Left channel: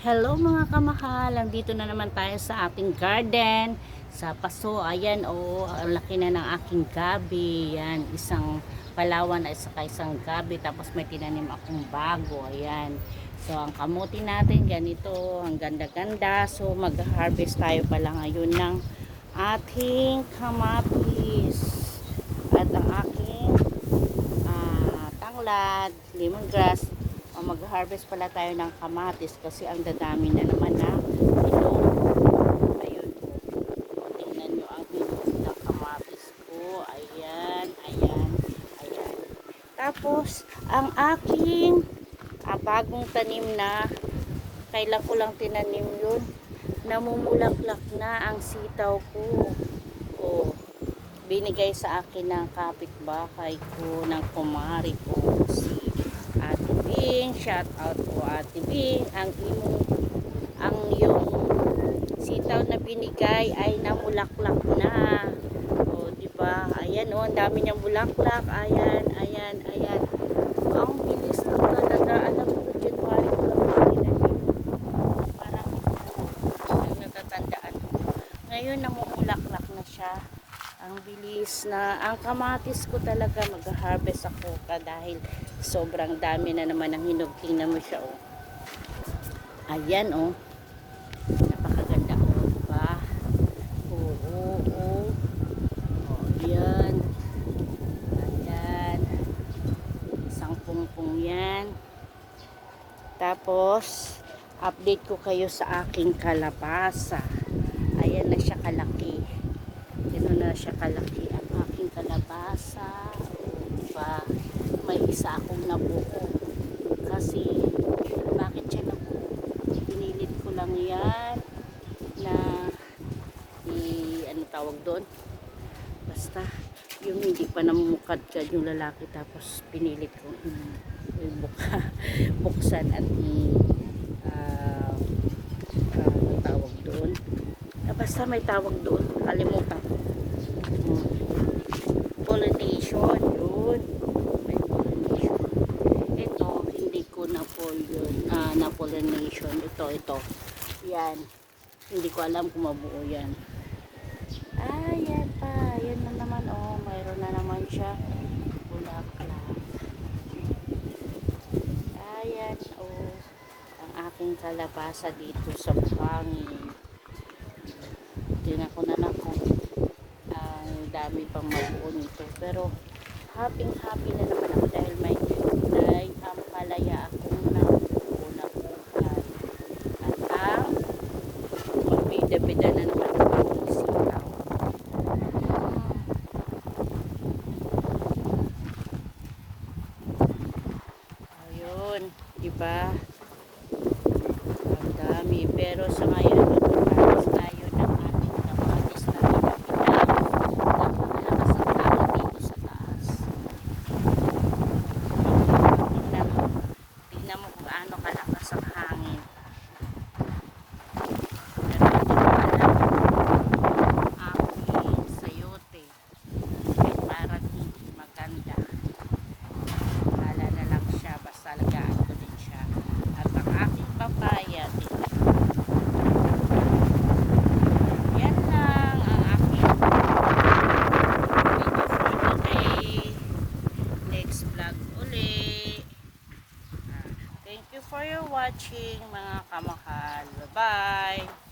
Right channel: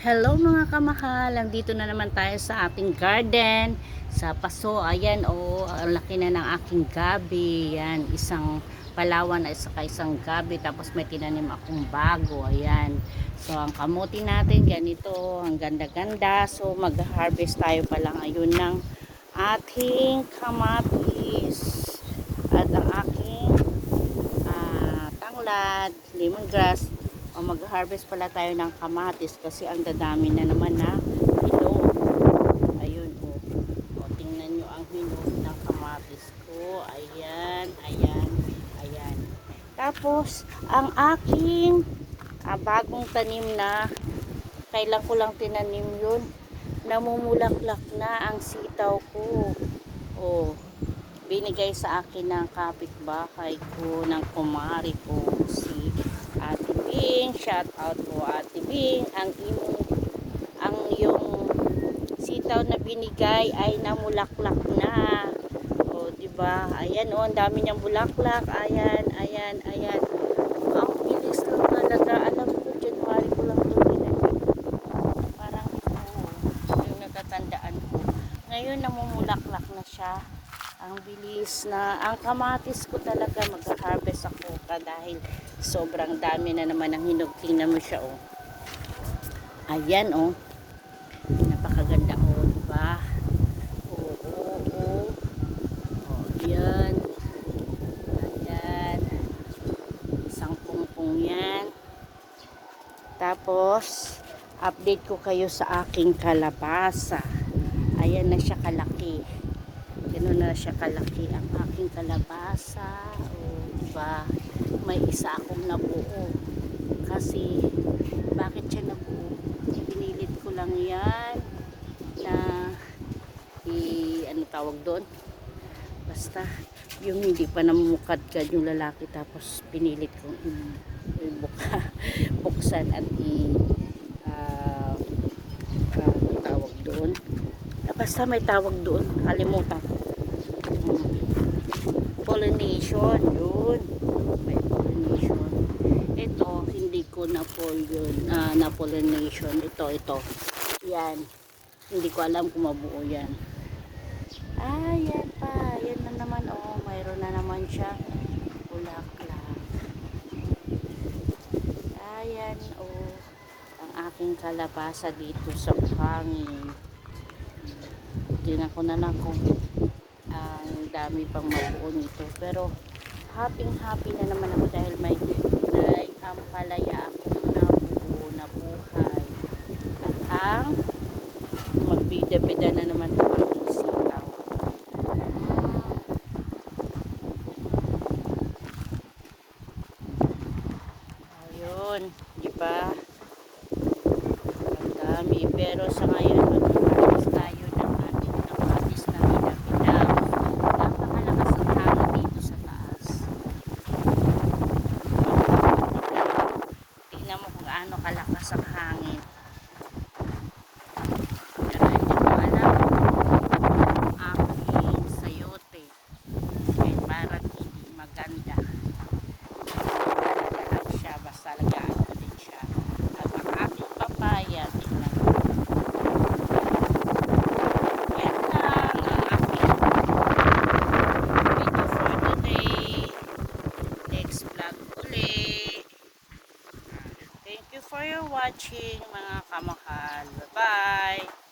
Hello mga kamahal, nandito na naman tayo sa ating garden sa paso. Ayan ang laki na ng aking gabi. Yan, isang palawan at saka isang gabi, tapos may tinanim akong bago. Ayan, so ang kamuti natin ganito, ang ganda-ganda. So mag-harvest tayo pala ngayon ng ating kamatis at ang aking tanglad, lemongrass. O mag-harvest pala tayo ng kamatis kasi ang dadami na naman na hilong. Ayun o, tingnan nyo ang hilong ng kamatis ko. Ayan, ayan, ayan. Tapos ang aking bagong tanim na, kailan ko lang tinanim yun, namumulaklak na ang sitaw ko. O, binigay sa akin ng kapitbahay ko, ng kumari ko, si Ate Bing. Shout out po Ate Bing. Ang yung sitaw na binigay ay namulaklak na. O, di ba? Ayan ang dami niyang bulaklak. Ayan, ayan, ayan. Ang bilis lang talaga. Alam ko, January ko lang tinanim. Parang ito, yung natatandaan ko. Ngayon namumulaklak na siya. Ang bilis na, ang kamatis ko talaga mag-harvest ako dahil sobrang dami na naman ng hinog. Tingnan mo siya Ayan napakaganda diba? Yan. Ayan. Isang pungpong yan. Tapos update ko kayo sa aking kalabasa. Ayan na siya kalaki. Ganun na siya kalaki ang aking kalabasa. Diba? May isa akong nabuo. Kasi, bakit siya nabuo? Pinilit ko lang yan na ano tawag doon? Basta, yung hindi pa namumukadkad yung lalaki, tapos pinilit kong buksan at may tawag doon. Basta may tawag doon. Kalimutan. Pollination. Yun. Pollination. Ito, hindi ko na pollination. Ito. Yan. Hindi ko alam kung mabuo yan. Yan pa. Yan na naman. Mayroon na naman siya. Bulaklak. Ayan. Ang aking kalabasa dito sa hangin. Tingnan ko na lang kung ang dami pang mabuo nito, pero happy na naman ako dahil may ampalaya akong nabuo na buhay at ang magbida-bida na naman ako sa tao. Ayun, diba? Ang dami, pero sa ngayon mag-harvest tayo ng ating kamatis na dito sa taas. Tingnan mo kung gaano kalakas ang hangin. Ang hangin sayote ay parang hindi maganda. Talaga lang siya, basta lagaan ko din siya. At ang aking papaya, tingnan mo. Yan lang ang aking video for today. Next vlog uli. Thank you for your watching mga kamahal. Bye bye.